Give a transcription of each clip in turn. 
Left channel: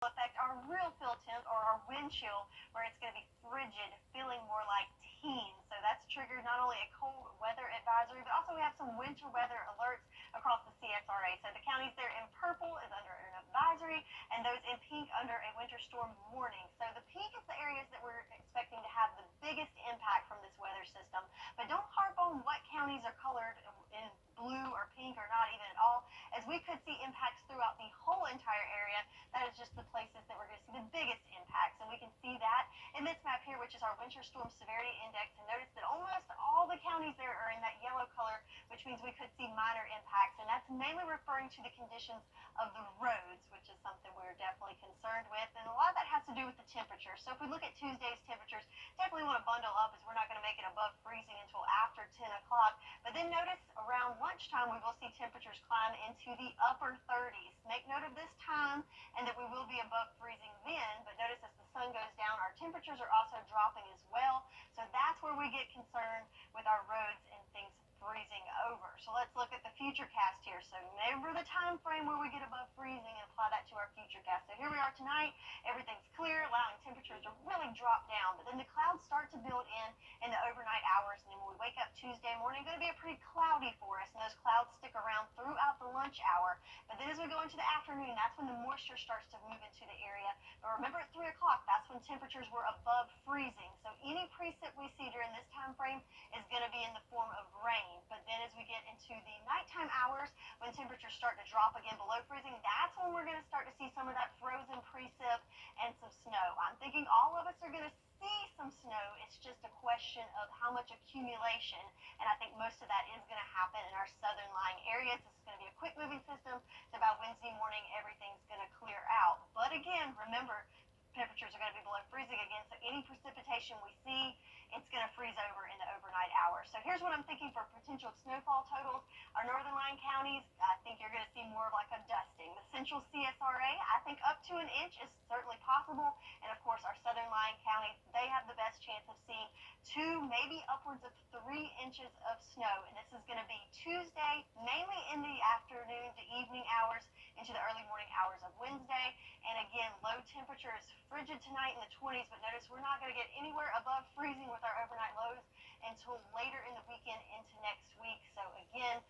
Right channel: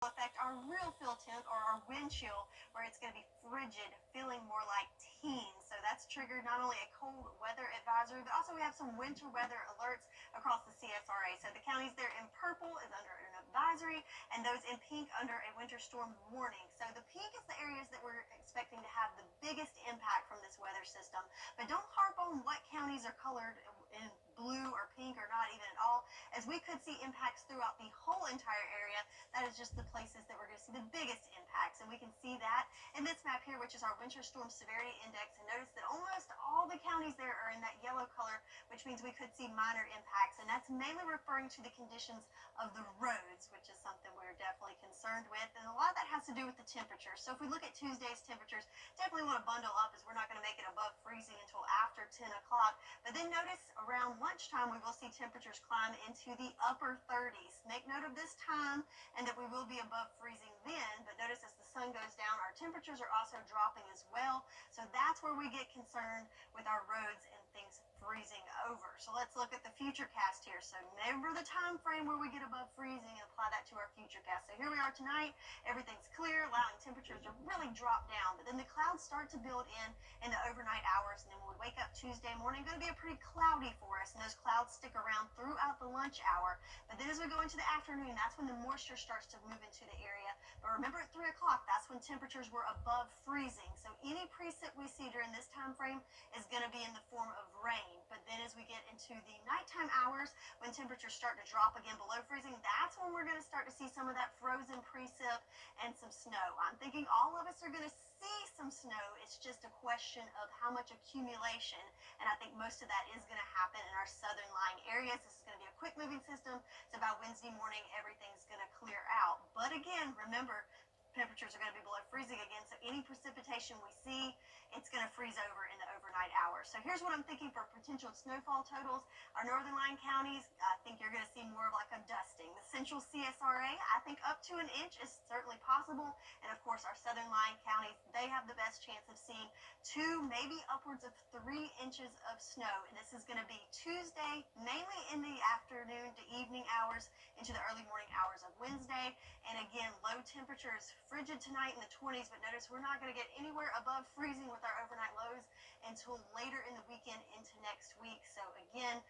affect our real feel temp or our wind chill, where it's going to be frigid, feeling more like teens. So that's triggered not only a cold weather advisory, but also we have some winter weather alerts across the CSRA. So the counties there in purple is under an advisory, and those in pink under a winter storm warning. So the pink is the areas that we're expecting to have the biggest impact from this weather system. But don't harp on what counties are colored in blue or pink or not even at all, as we could see impacts throughout the whole entire area. That is just the places that we're going to see the biggest impacts, and we can see that in this map here, which is our winter storm severity index. And notice that almost all the counties there are in that yellow color, which means we could see minor impacts, and that's mainly referring to the conditions of the roads, which is something we're definitely concerned with, and a lot of that has to do with the temperature. So if we look at Tuesday's temperatures, definitely want to bundle up, as we're not going to make it above freezing until after 10 o'clock. But then notice around lunchtime we will see temperatures climb into the upper 30s. Make note of this time and that we will be above freezing then, but notice as the sun goes down, our temperatures are also dropping as well. So that's where we get concerned with our roads and things freezing over. So let's look at the future cast here. So remember the time frame where we get above freezing and apply that to our future cast. So here we are tonight, everything's clear, allowing temperatures to really drop down, but then the clouds start to build in the overnight hours, and then when we wake up Tuesday morning, going to be a pretty cloudy for us, and those clouds stick around throughout the lunch hour. But then as we go into the afternoon, that's when the moisture starts to move into the area. But remember at 3 o'clock, that's when temperatures were above freezing. So any precip we see during this time frame is going to be in the form of rain. But then as we get into the nighttime hours, when temperatures start to drop again below freezing, that's when we're going to start to see some of that frozen precip and some snow. I'm thinking all of us are going to see some snow. It's just a question of how much accumulation, and I think most of that is going to happen in our southern lying areas. This is going to be a quick moving system, so by Wednesday morning everything's going to clear out. But again, remember, temperatures are going to be below freezing again, so any precipitation we see, it's going to freeze over in the overnight hours. So here's what I'm thinking for potential snowfall totals. Our northern line counties, I think you're going to see more of like a dusting. The central CSRA, I think up to an inch is certainly possible. And of course, our southern line counties, they have the best chance of seeing 2, maybe upwards of 3 inches of snow. And this is going to be Tuesday, mainly in the afternoon to evening hours into the early morning hours of Wednesday. And again, low temperatures, frigid tonight in the 20s, but notice we're not going to get anywhere above freezing with our overnight lows until later in the weekend into next week. So again,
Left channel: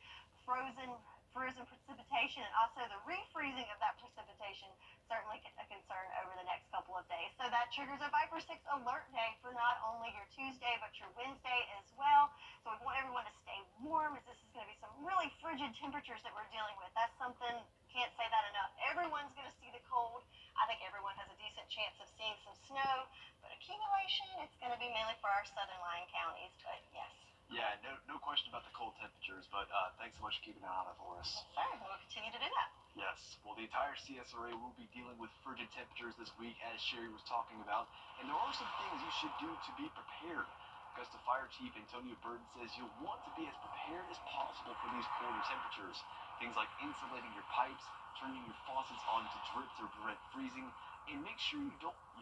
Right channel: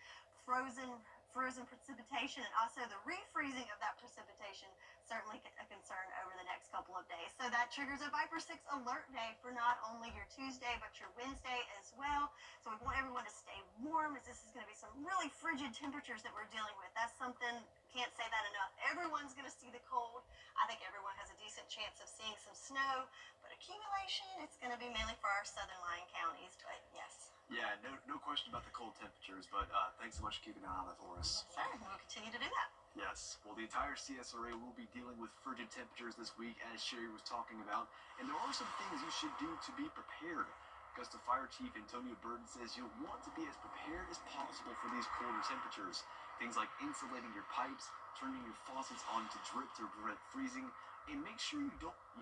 frozen precipitation, and also the refreezing of that precipitation, certainly a concern over the next couple of days. So that triggers a Viper 6 alert day for not only your Tuesday, but your Wednesday as well. So we want everyone to stay warm, as this is going to be some really frigid temperatures that we're dealing with. That's something, can't say that enough. Everyone's going to see the cold. I think everyone has a decent chance of seeing some snow, but accumulation, it's going to be mainly for our southern lying counties, but yes. Yeah, no question about the cold temperatures, but thanks so much for keeping an eye on it for us. Yes, sir. We'll continue to do that. Yes, well, the entire CSRA will be dealing with frigid temperatures this week, as Sherry was talking about, and there are some things you should do to be prepared. Augusta Fire Chief Antonio Burden says you'll want to be as prepared as possible for these colder temperatures. Things like insulating your pipes, turning your faucets on to drip to prevent freezing, and make sure you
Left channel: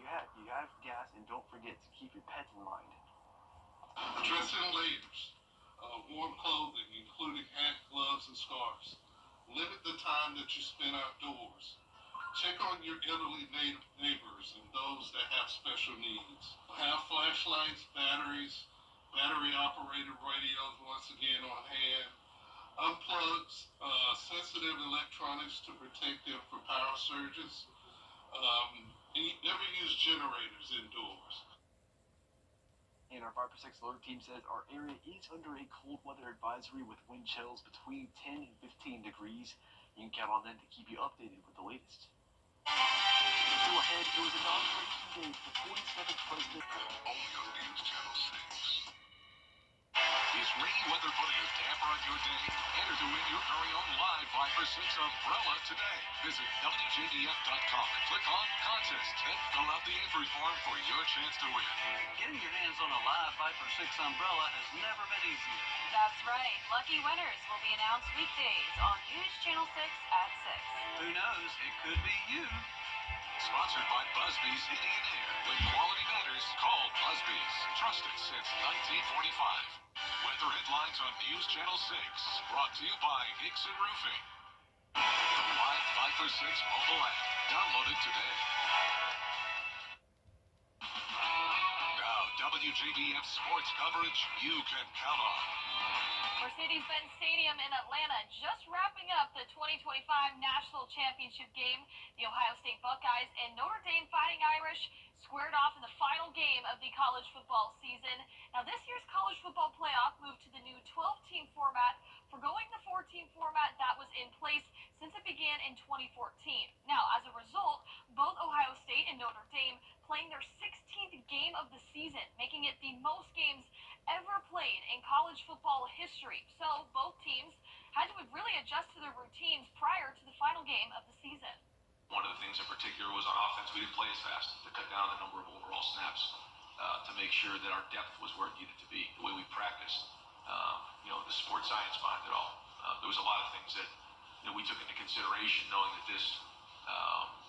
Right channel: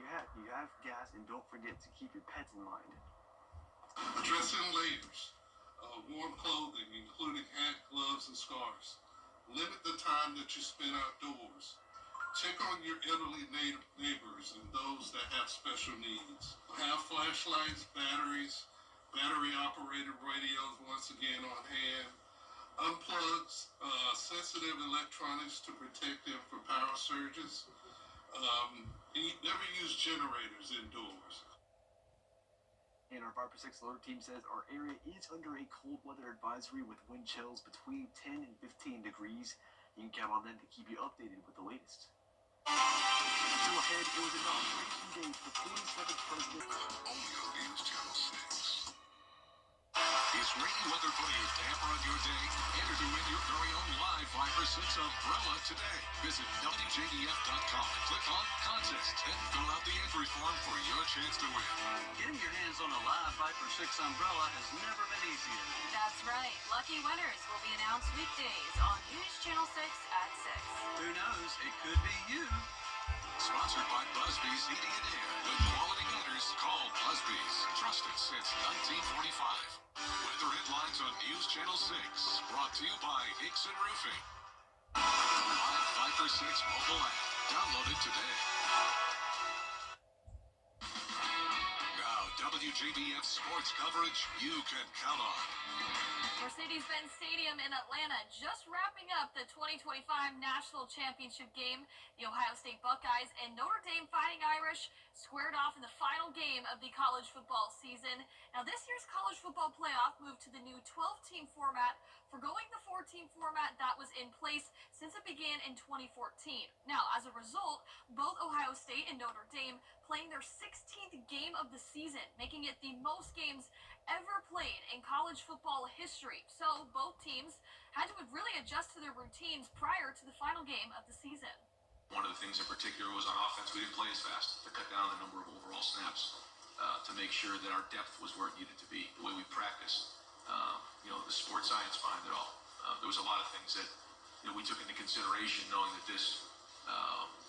have gas, and don't forget to keep your pets in mind. Dress in layers, warm clothing, including hat, gloves, and scarves. Limit the time that you spend outdoors. Check on your elderly neighbors and those that have special needs. Have flashlights, batteries, battery-operated radios once again on hand. Unplug sensitive electronics to protect them from power surges. Never use generators indoors. And our Viper 6 alert team says our area is under a cold weather advisory with wind chills between 10 and 15 degrees. You can count on them to keep you updated with the latest. Still ahead, it was inauguration day for the 47th president. Only on News Channel 6. Is rainy weather putting a damper on your day? Enter to win your very own live Viper 6 umbrella today. Visit WJBF.com and click on Contest and fill out the entry form for your chance to win. Getting your hands on a live Viper 6 umbrella has never been easier. That's right. Lucky winners will be announced weekdays on News Channel 6 at 6. Who knows? It could be you. Sponsored by Busby's Heating and Air. With quality gutters, call Busby's. Trusted since 1945. Weather headlines on News Channel 6. Brought to you by Hickson Roofing. The live Viper 6 mobile app. Download it today. WJBF sports coverage you can count on. Mercedes-Benz Stadium in Atlanta just wrapping up the 2025 National Championship game. The Ohio State Buckeyes and Notre Dame Fighting Irish squared off in the final game of the college football season. Now, this year's college football playoff moved to the new 12-team format, forgoing the 4-team format that was in place since it began in 2014. Now, as a result, both Ohio State and Notre Dame playing their 16th game of the season, making it the most games ever played in college football history. So both teams had to really adjust to their routines prior to the final game of the season. One of the things in particular was on offense, we didn't play as fast to cut down the number of overall snaps, to make sure that our depth was where it needed to be, the way we practiced, the sports science behind it all. There was a lot of things that we took into consideration, knowing that this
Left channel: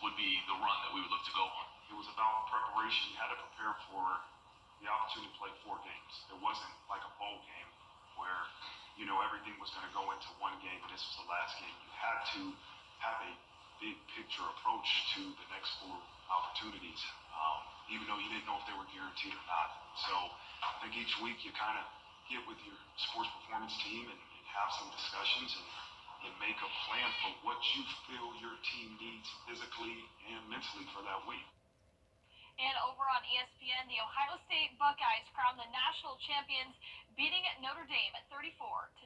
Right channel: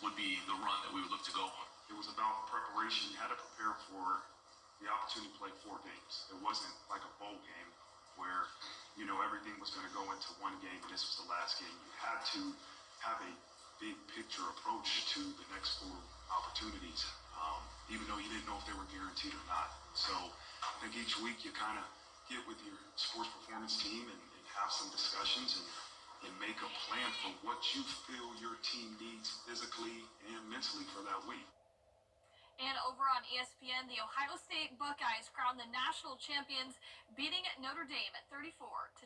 would be the run that we would look to go on. It was about preparation. You had to prepare for the opportunity to play 4 games. It wasn't like a bowl game where, everything was going to go into one game and this was the last game. You had to have a big picture approach to the next 4 opportunities, even though you didn't know if they were guaranteed or not. So I think each week you kind of get with your sports performance team and have some discussions and make a plan for what you feel your team needs physically and mentally for that week. And over on ESPN, the Ohio State Buckeyes crowned the national champions, beating Notre Dame at 34-23.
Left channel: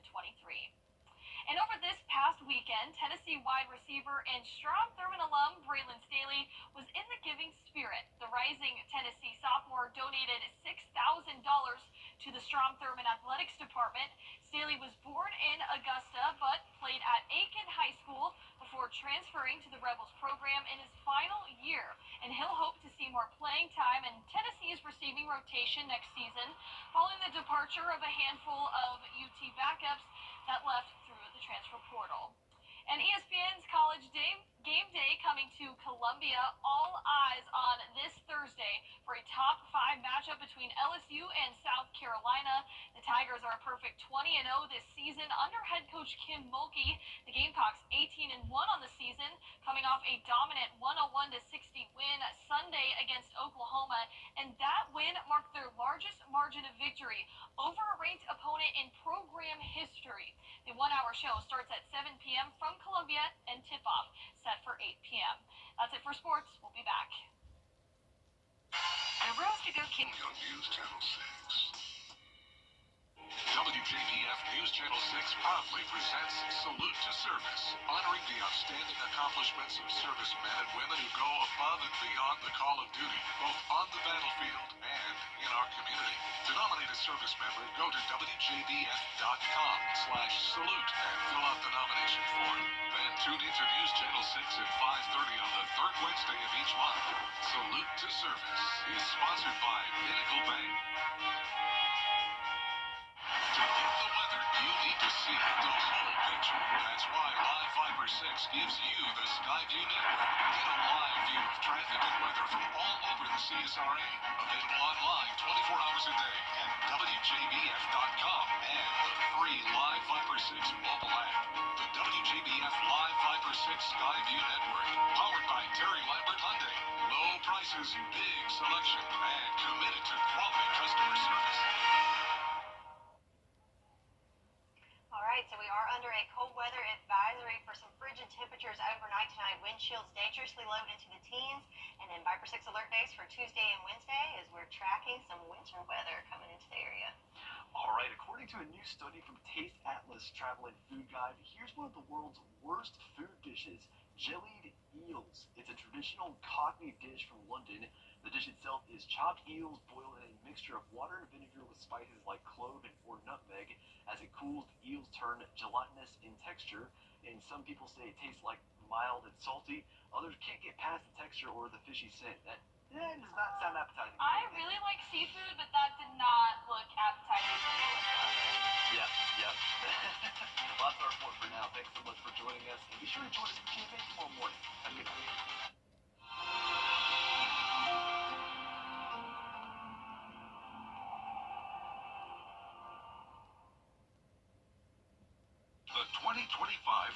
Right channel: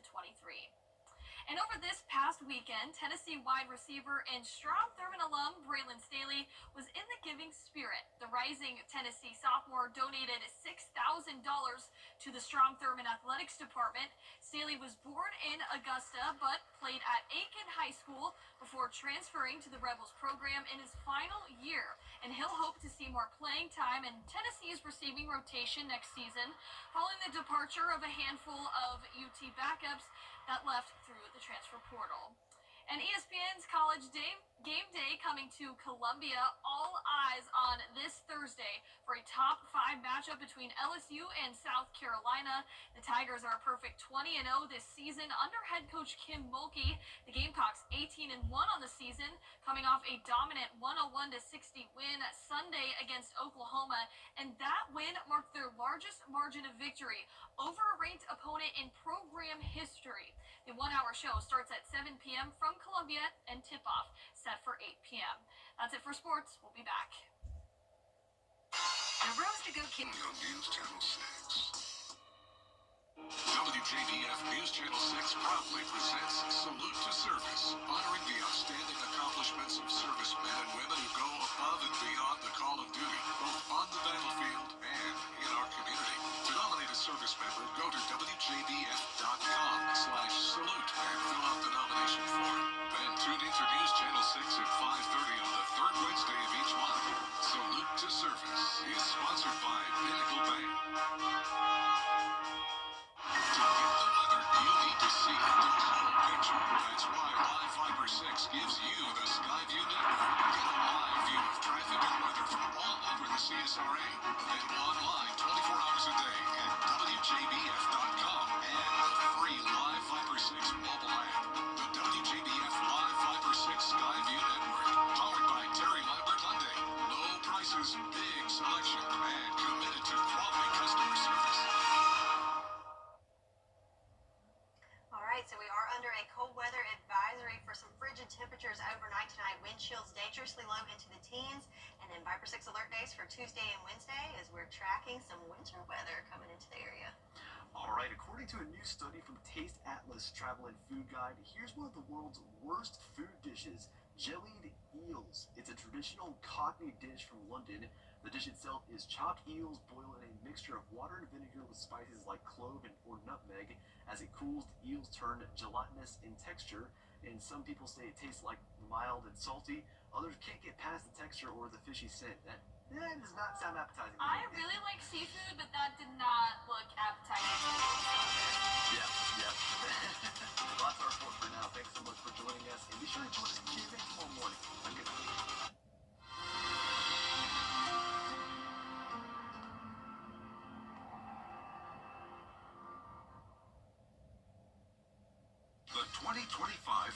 And over this past weekend, Tennessee wide receiver and Strom Thurmond alum Braylon Staley was in the giving spirit. The rising Tennessee sophomore donated $6,000 to the Strom Thurmond Athletics Department. Staley was born in Augusta, but played at Aiken High School before transferring to the Rebels program in his final year. And he'll hope to see more playing time, and Tennessee is receiving rotation next season following the departure of a handful of UT backups that left through the transfer portal. And ESPN's College Game Day coming to Columbia. All eyes on this Thursday for a top 5 matchup between LSU and South Carolina. The Tigers are a perfect 20-0 this season under head coach Kim Mulkey. The Gamecocks 18-1 on the season, coming off a dominant 101-60 win Sunday against Oklahoma, and that win marked their largest margin of victory over a ranked opponent in program history. The 1-hour show starts at 7 p.m. from Columbia, and tip-off set for 8 p.m. That's it for sports. We'll be back. The Rose to Go King On News Channel 6. WJBF News Channel 6 proudly presents Salute to Service, honoring the outstanding accomplishments of servicemen and women who go above and beyond the call of duty, both on the battlefield and in our community. To nominate a service member, go to WJBF.com/salute and fill out the nomination form. Then tune into News Channel 6 at 5:30 on the 3rd Wednesday of each month. Salute to Service is sponsored by Pinnacle Bank. To get the weather, you need to see the whole picture. That's why Live Fiber 6 gives you the Skyview network. Get a live view of traffic and weather from all over the CSRA. Available online 24 hours a day at WJBF.com and the free Live Fiber 6 mobile app. The WJBF Live Fiber 6 Skyview network, powered by Terry Lambert Hyundai. Low prices, big selection, and committed to quality customer service. All right, so we are under a cold weather advisory for some frigid temperatures overnight tonight. Wind chills dangerously low into the teens. And then Viper 6 alert days for Tuesday and Wednesday as we're tracking some winter weather coming into the area. All right, according to a new study from Taste Atlas Travel and Food Guide, here's one of the world's worst food dishes, jellied eels. It's a traditional Cockney dish from London. The dish itself is chopped eels boiled in a mixture of water and vinegar with spices like clove and or nutmeg. As it cools, the eels turn gelatinous in texture, and some people say it tastes like mild and salty. Others can't get past the texture or the fishy scent. That does not sound appetizing. I really like seafood, but that did not look appetizing to me whatsoever. Yeah. Lots of our report for now. Thanks so much for joining us, and be sure to join us for GMA tomorrow morning. Have a good night. The 2025